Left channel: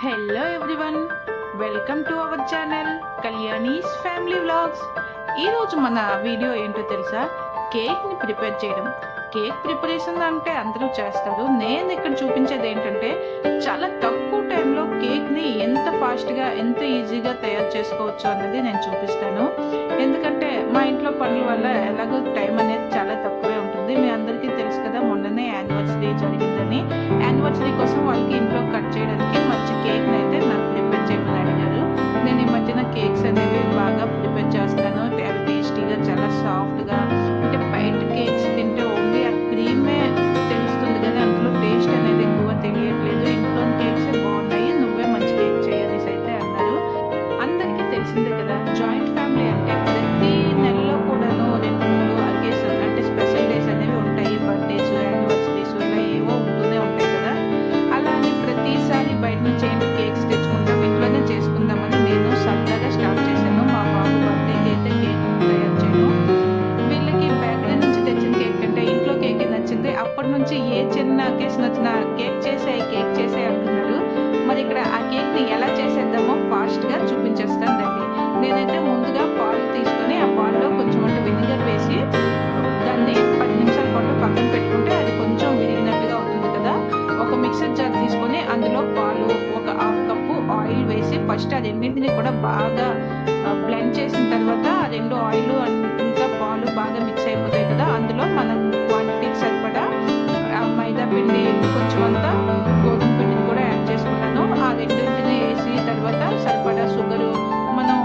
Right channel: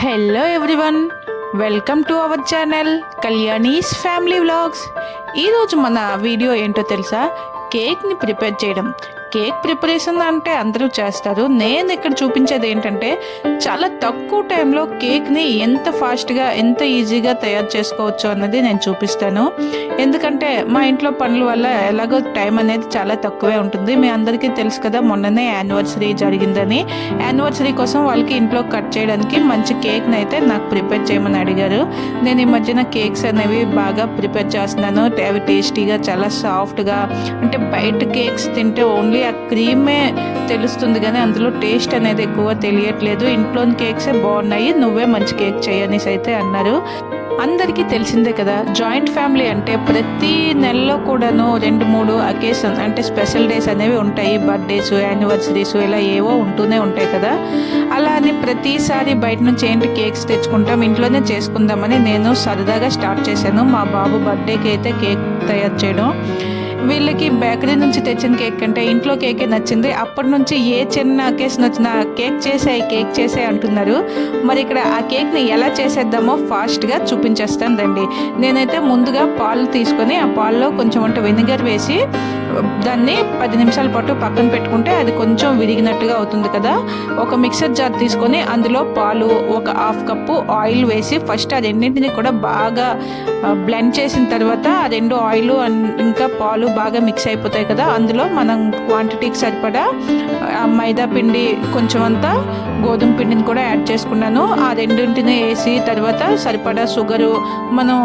Hello everyone, welcome to our channel Kalyani's family vlogs. ఈరోజు మన video ఏంటో తెలుసా? కేక్ని ప్రిపేర్ చేయడం. కేక్ ప్రిపరేషన్ అంటే అందరూ చేస్తారు. నేను ఇక్కడ చూపించేది ఏంటంటే చాలా తక్కువ టైంలో కేక్ని ఎంత ఫాస్ట్గా ఎంత ఈజీగా తయారు చేసుకోవచ్చు అన్నది నేను చూపిస్తాను. ఎందుకంటే మా ఇంట్లో పనుల వల్ల ఎలాగో టైం అనేది చాలా తక్కువే ఉంటుంది. మీ అందరికీ తెలుసు కదా, మొన్ననే యానివర్సరీ జరిగిందని. యానివర్సరీ కోసం వాళ్ళకి ఇంట్లో కట్ చేయడానికి మంచి కేక్ని అయితే నాకు ప్రిపేర్ చేయమని అడిగారు. నేను ఈ మధ్యన కేక్స్ అనేవి బాగా ప్రిపేర్ చేస్తున్నాను. అవి టేస్టీగా చాలా సాఫ్ట్గా, అంటే బయట కేక్స్ తింటే ఓన్లీ ఆ క్రీమే తెలుస్తుంది కానీ అందులో టేస్ట్ అనేది ఎక్కువ తెలియట్లేదు. ఇంట్లోని కేక్సే బాగున్నాయి, నువ్వే మంచి కేక్ చేయనేసి అయితే అన్నారు. అందరికీ తెలిసిందే కదా, జాయింట్ ఫ్యామిలీ అంటే ప్రతి నెలలో కూడాను 2-3 అకేషన్ అంటే స్పెషల్ డేస్ అనేవి ఉంటాయి. బర్త్డేస్, యానివర్సరీస్ ఇలా ఏవో ఉంటూనే ఉంటాయి కదా. అలా అని ప్రతిసారి బయట నుంచి ఏంటి కేక్స్ తెచ్చుకుంటాం, ఇంట్లోనే చేసుకుందామని నేను సరదాగా స్టార్ట్ చేశాను. మా బాబు బర్త్డేకి అయితే కేక్ తయారు చేయడం. వీళ్ళకి బేకరీ నుంచి తెచ్చిన కేక్ కంటే ఇంట్లో కేకే నచ్చింది. అప్పటి నుంచి ఏ చిన్న అకేషన్ వచ్చినా కేక్ చేసే అంటున్నారు. మరి ఇక్కడ ఆ కేక్ని ఎలా చేసేద్దామో ఫాస్ట్గా చూపించేస్తాను రండి. నేనైతే ముందుగా పాలు తీసుకొని ఆ పాల్లో కొంచెం వెనిగర్ వేసి దాన్ని 10 నిమిషాల పాటు పక్కన పెట్టుకుంటే అది కొంచెం విరిగినట్టుగా అవుతుంది కదా. ఒక మిక్సర్ జార్ తీసుకొని అందులో పాలు, ఒక 1/2 కప్పు ఆయిల్ వేసి ఫస్ట్ ఆ రెండింటిని కూడా బాగా బ్లెండ్ చేసిన తర్వాత ఆ 2 ఆయిల్ ఇంకా పాలు బాగా మిక్స్ అయిపోతాయి కదా. అందులో మనం క్వాంటిటీకి సరిపడా మైదా పిండి, కొంచెం అంతా గోధుమ పిండిని కూడా యాడ్ చేసుకున్నాను. ఆ రెండింటిని వేసి తర్వాత సరిపడా షుగరు, మనం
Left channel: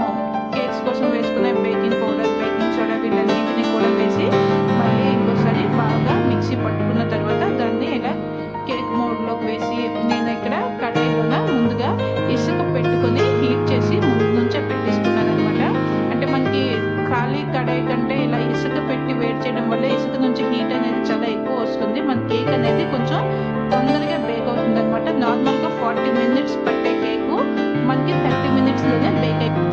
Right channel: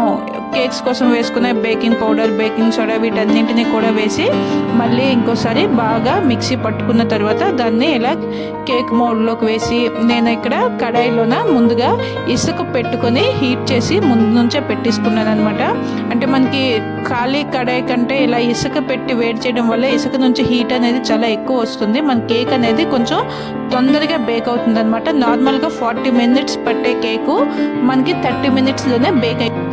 కేక్స్ కోసం వేసుకునే బేకింగ్ పౌడర్, బేకింగ్ సోడా వీటన్నింటినీ కూడా వేసి మళ్ళీ ఇంకోసారి బాగా మిక్సీ పట్టుకున్న తర్వాత దాన్ని ఇలా కేక్ మోడ్లోకి వేసి, నేను ఇక్కడ కడాయిలోన ముందుగా ఇసుక పెట్టుకొని హీట్ చేసి ముందు నుంచే పెట్టేసుకున్నాను అనమాట. అంటే మనకి ఖాళీ కడాయి కంటే ఇలా ఇసుక పెట్టి వేడి చేయడం వల్ల ఇసుక నుంచి హీట్ అనేది చాలా ఎక్కువ వస్తుంది. మన కేక్ అనేది కొంచెం తొందరగా బేక్ అవుతుంది అనమాట. నార్మల్గా 40 మినిట్స్ పట్టే కేకు మనకి 30 మినిట్స్లోనే బేక్ అయిపోతుంది.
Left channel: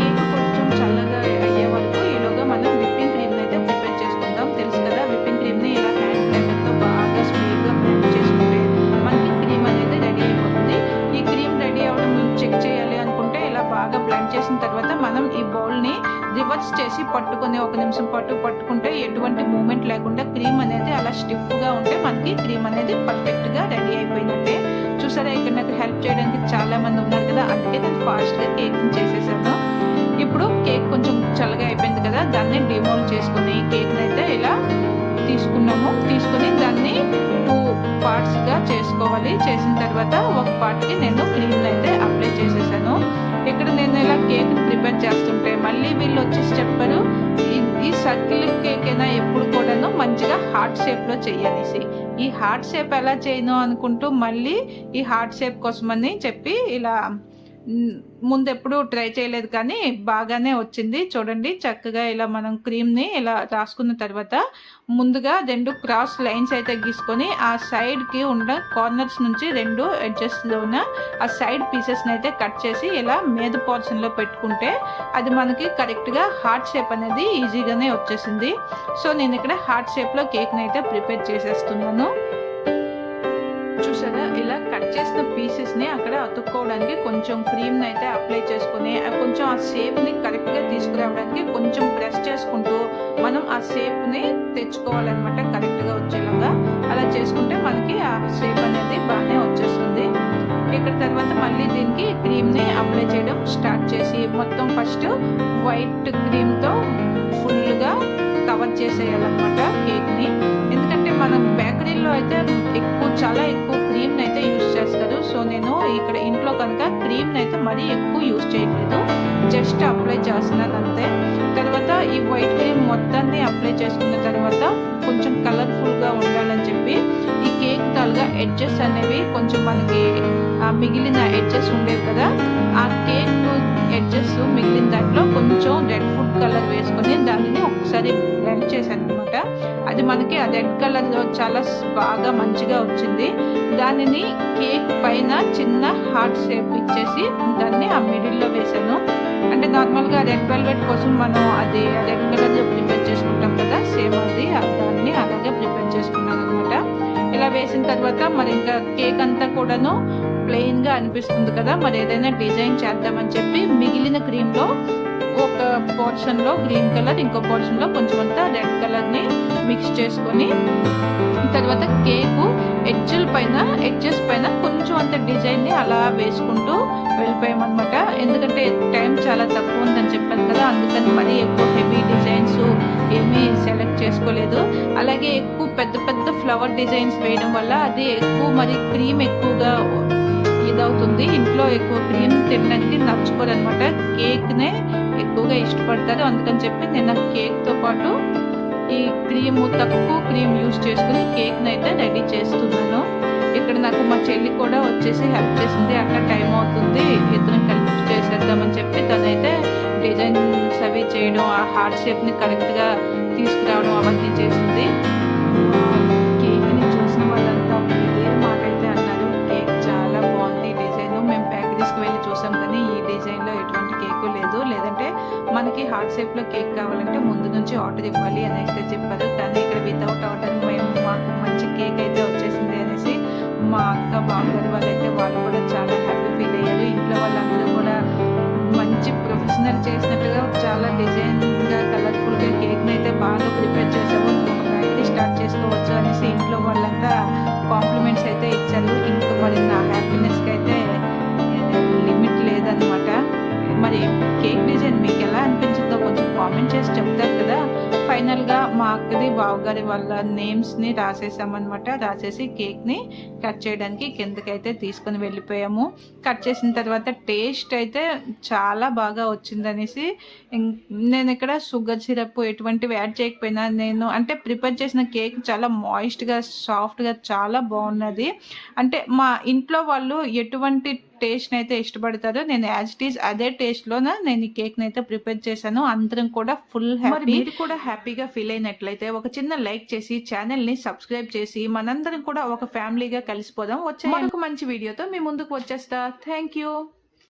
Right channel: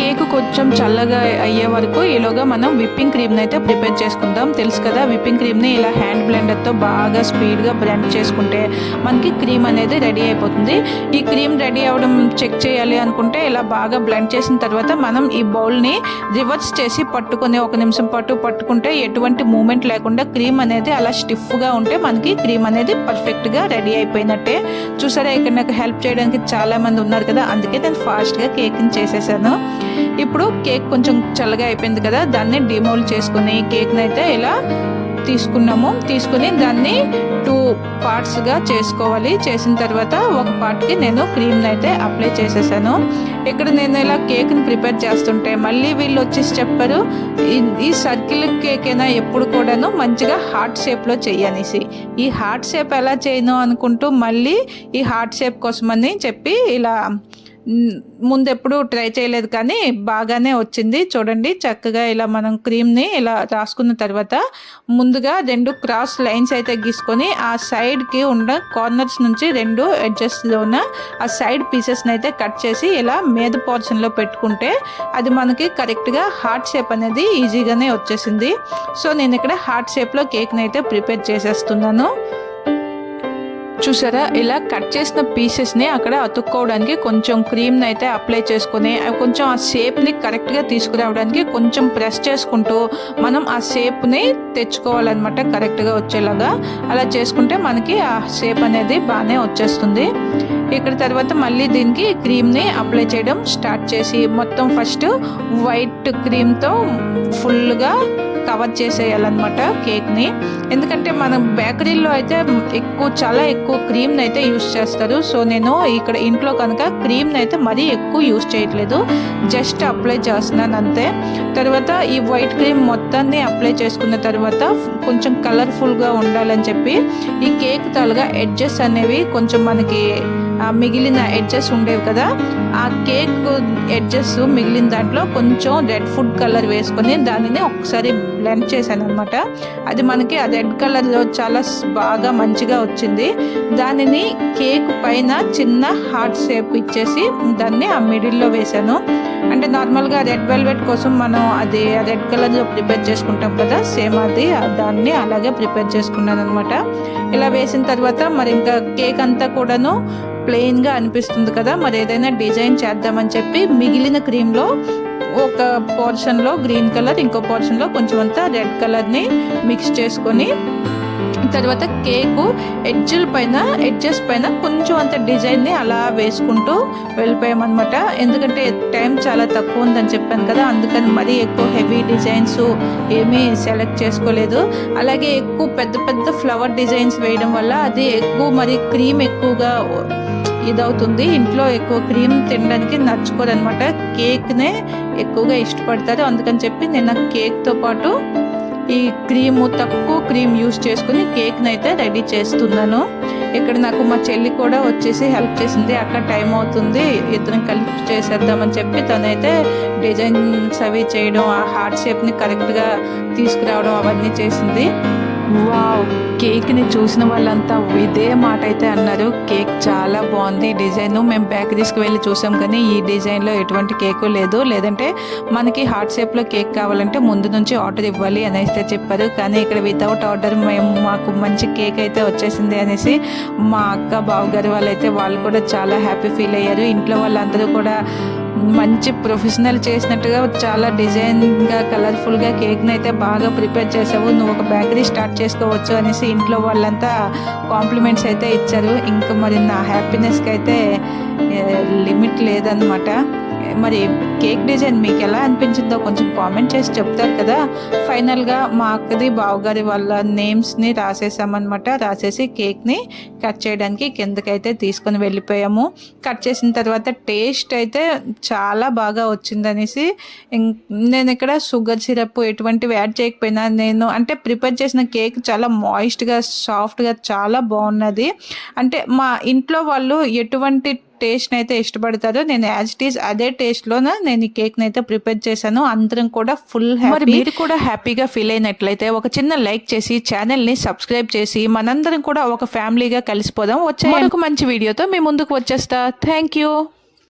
కేక్ కొంచెం చల్లగా అయ్యే వరకు ఈలోగా మనం విప్పింగ్ క్రీమ్ని అయితే ప్రిపేర్ చేసుకుందాం. తెలుసు కదా, విప్పింగ్ క్రీమ్ని ఇలా హ్యాండ్ బ్లెండర్తో బాగా స్పీడ్గా బ్లెండ్ చేసుకుంటే మనకి క్రీమ్ అనేది రెడీ అయిపోతుంది. ఈ క్రీమ్ రెడీ అవ్వడం చెక్ చేయాలి అనుకుంటే ఇలా బాగా బ్లెండ్ చేసిన తర్వాత మనం ఈ బౌల్ని రివర్స్ చేసి పట్టుకొని 1 నిమిషం పాటు పట్టుకుంటే ఎటువంటి మూమెంట్ లేకుండా క్రీమ్ అనేది అలా స్టిఫ్గా ఉంటే మనకి క్రీమ్ అనేది పర్ఫెక్ట్గా రెడీ అయిపోయినట్టే. చూసారా, ఇక్కడ నాకు హెల్ప్ చేయడానికి చాలామంది ఉన్నారు కదా, అందుకే నేను ఫాస్ట్గా కేక్ని చేసేసాను. ఇప్పుడు కేక్ కొంచెం చల్లగా అయిపోయింది కదా, దాన్ని డిమోల్డ్ చేసుకుని కేక్ని అయితే ఇలా తీసుకుని దాన్ని 2 పార్ట్స్గా చేసుకోవాలి. చేసిన తర్వాత ఒక పార్ట్కి నేను క్రీమ్ని అయితే అప్లై చేసేసాను. ఇక్కడ నేను ఇలా కేక్ని ప్రిపేర్ చేస్తుంటే మళ్ళీ వీళ్ళు వచ్చేసి చెప్పారు, ఈ సర్కిల్ కేక్ అయినా ఎప్పుడు కూడాను మంచిగా హార్ట్ షేప్లో చెయ్యనేసి. ఈ హార్ట్ షేప్ ఎలా చేయను అనుకుంటూ మళ్ళీ ఈ హార్ట్ షేప్ కోసమని చెప్పి ఇలా ముందెప్పుడు ట్రై చేయలేదు కానీ బాగానే వచ్చింది. చూడండి, చక్కగా ఇలా మనం క్రీమ్ని ఇలా రాసుకున్న తర్వాత ముందుగా 2 క్రాస్ లైన్స్ అయితే గీసుకొని ఆ సైడ్కి ఉన్న కార్నర్స్ నుంచి 2 ఎడ్జెస్లోన ఆ సైడ్ పీసెస్ని అయితే కట్ చేసి ఇలా మీద పోర్షన్లో పెట్టుకుంటే అది మనకి కరెక్ట్గా హార్ట్ షేప్ అనేది ఈజీగానే వచ్చేసింది. సో నేను ఇక్కడ హార్ట్ షేప్లో కేక్ని అయితే ప్రిపేర్ చేసేస్తున్నాను. చూసారా, ఇలా కట్ చేసిన పీసెస్ని అక్కడ అతుక్కోవడానికి కొంచెం క్రీమ్ని అయితే అప్లై చేసుకొని కొంచెం ఆ షేప్ని కరెక్ట్గా తీసుకురావడానికి కొంచెం ప్రెస్ చేసుకుంటూ మనం ఆ షేప్ని తెచ్చుకోవాలన్నమాట, కరెక్ట్గా వచ్చేలాగా. అలా చేసుకుంటే మనకి ఆ షేప్ అనేది బాగానే వచ్చేస్తుంది. ఇక్కడ తర్వాత మళ్ళీ దీనికి క్రీమ్ని అప్లై చేయడం స్టార్ట్ చేసి మొత్తం ఫస్ట్ వైట్ క్రీమ్తో ఫుల్గా కవర్ చేసేయాలన్నమాట కేక్ని. ఎందుకంటే మనం బేకరీలో అయితే చాలా ఎక్కువ క్రీమ్ని అయితే యూస్ చేస్తారు. సో నేను ఇక్కడ ఇంట్లో కనుక క్రీమ్ని అయితే మరీ ఎక్కువ యూస్ చేయట్లేదు, జస్ట్ అప్లై చేస్తున్నాను అంతే. తర్వాత ఈ వైట్ క్రీమ్ మొత్తాన్ని అప్లై చేసుకున్న తర్వాత కొంచెం కలర్ఫుల్గా ఉండాలని చెప్పి ఈ కేక్ తాలుగా ఎడ్జెస్ అనేవి కొంచెం మనకి మిగిలిన ఎడ్జెస్ ఉండేవి కదా, ఆ కేక్ ఎడ్జెస్ మిగిలిన దాంట్లో కొంచెం రెడ్ ఫుడ్ కలర్ వేసుకొని దానిని ఒకసారి బ్లెండ్ చేశాను అనమాట. అది మనకి ఆ రెడ్ కలర్లో చాలా బాగా మంచిగా వచ్చింది. దానిని కేక్ పైన చిన్న హార్ట్ షేప్ ఇచ్చేసి దాన్ని ఆ మిడిల్లో వేసాను. అంటే నార్మల్గా రెడ్ వెల్వెట్ కోసం మనం అది రెడ్ కలర్లో ప్రిపేర్ చేసుకుంటాం కదా, సేమ్ అది దాన్ని అలాగే ప్రిపేర్ చేసుకున్నాను అనమాట. ఇలా వేసిన తర్వాత మరి ఇంకా కేక్ అంతా కూడాను ప్లెయిన్గా అనిపిస్తుంది కదా, మరి ఏదైనా డిజైన్ చేద్దామని చెప్పి మిగిలిన క్రీమ్లో ఒక పోర్షన్లో గ్రీన్ కలర్, ఇంకో పోర్షన్లో కొంచెం అంతా రెడ్ కలర్ని మిక్స్ చేసుకొని తర్వాత కేకు ఎడ్జెస్ పైన కొంచెం అంత డిజైన్ని అలా వేసుకుంటూ వెళ్ళిపోయామన్నమాట. ఎందుకంటే టైం చాలా తక్కువ ఉందని చెప్పాను కదా, అందుకని మరీ ఎక్కువ హెవీ డిజైన్స్ ఏమీ సెలెక్ట్ చేసుకోలేదు. అలాగే ఎక్కువ పెద్ద పెద్ద ఫ్లవర్ డిజైన్స్ వేయడం వల్ల అది ఎక్కువ మరి క్రీమ్ ఎక్కువగా ఇదవుతుంది. ఇంట్లో ఎక్కువ క్రీమ్ తినడానికి నచ్చుకోరు అనమాట, కేక్నే ఎక్కువగా ఇష్టపడతారు. అందుకని చెప్పి నేను కేక్తో పాటు ఈ తక్కువ క్రీమ్ యూస్ చేసుకుని కేక్ని అయితే రెడీ చేస్తున్నాను. ఇక్కడ నాకు మా చెల్లి కూడా వచ్చేసి హెల్ప్ చేసింది. అక్కడ టైం అవుతుంది, ఇద్దరం కలిపి చేసేద్దామని చెప్పి తనైతే డిజైన్స్ అవి చేయడం, ఆ హార్ట్ షేప్ని కరెక్ట్గా తీసుకురావడం అవన్నీ చేసింది. కేక్ని చూసిన వాళ్ళంతా ఇదే మాట అయితే అన్నారు, కేక్ చాలా బాగుంది డిజైన్. మేము బేకరీస్కి వెళ్ళి చూసాం కానీ ఈ డిజైన్లో ఎటువంటి కేకు లేదు, లేదంటే మనకి హార్ట్ షేప్లో కేక్ కావాలంటే ముందు నుంచి ఆర్డర్ ఇవ్వాలి అని అయితే చెప్పారు. కానీ ఇక్కడ వితౌట్ ఆర్డర్ మాకు మంచి కేక్ అయితే వచ్చేసింది అనేసి మా అక్క బావగారు వాళ్ళు కూడా చాలా హ్యాపీ ఫీల్ అయ్యారు. ఇంట్లో వాళ్ళందరూ కూడా మంచి ప్రొఫెషనల్ చేసినట్టుగా చాలా డిజైన్గా కలర్ఫుల్గా కేక్ని అయితే బాగా ప్రిపేర్ చేసావు, నువ్వు ఒక బేకరీ స్టార్ట్ చేసుకోవచ్చు అనేసి ఇంట్లో వాళ్ళంతా కాంప్లిమెంట్స్ అయితే ఇచ్చారు. ఇంకా మరి నా హ్యాపీనెస్కి అయితే లిమిట్ లేదనమాట. మరి కేక్ డిజైన్ మీకు ఎలా అనిపించిందో కొంచెం కామెంట్ చేసి చెప్తారు కదా. ఫైనల్గా మా అక్కది బావగారి వాళ్ళ నేమ్స్ని రాసేసామన్నమాట. రాసేసి కేక్ని కట్ చేయడానికి కిందకైతే తీసుకొని వెళ్ళిపోయాము. కట్ చేసిన తర్వాత టేస్ట్ అయితే చాలా బాగా వచ్చిందనేసి నేను ఇక్కడ షుగర్ సిరప్ ఎటువంటివి యాడ్ చేయకపోయినా నేను అంటే ప్రిపేర్ చేసిన కేక్ చాలా మాయిస్ట్గా సాఫ్ట్గా చాలా బాగున్నది. అంటే మా ఇంట్లో వాళ్ళు ఎటువంటి టేస్ట్ని అయితే ఇష్టపడతారో నేను యాజ్ ఇట్ ఈస్ అదే టేస్ట్లోనే నేను ఈ కేక్ని అయితే ప్రిపేర్ చేశాను. అందరం కూడా ఫుల్ హ్యాపీ. మీరు కూడా హ్యాపీగా ఫీల్ అయినట్లయితే ఒక చిన్న లైక్ చేసి ఛానల్ని సబ్స్క్రైబ్ చేసి మనందరం కూడా ఒక ఫ్యామిలీగా కలిసిపోదాం. వచ్చే మరొక మంచి వీడియోతో మీ ముందుకు వచ్చేస్తా. Thank you.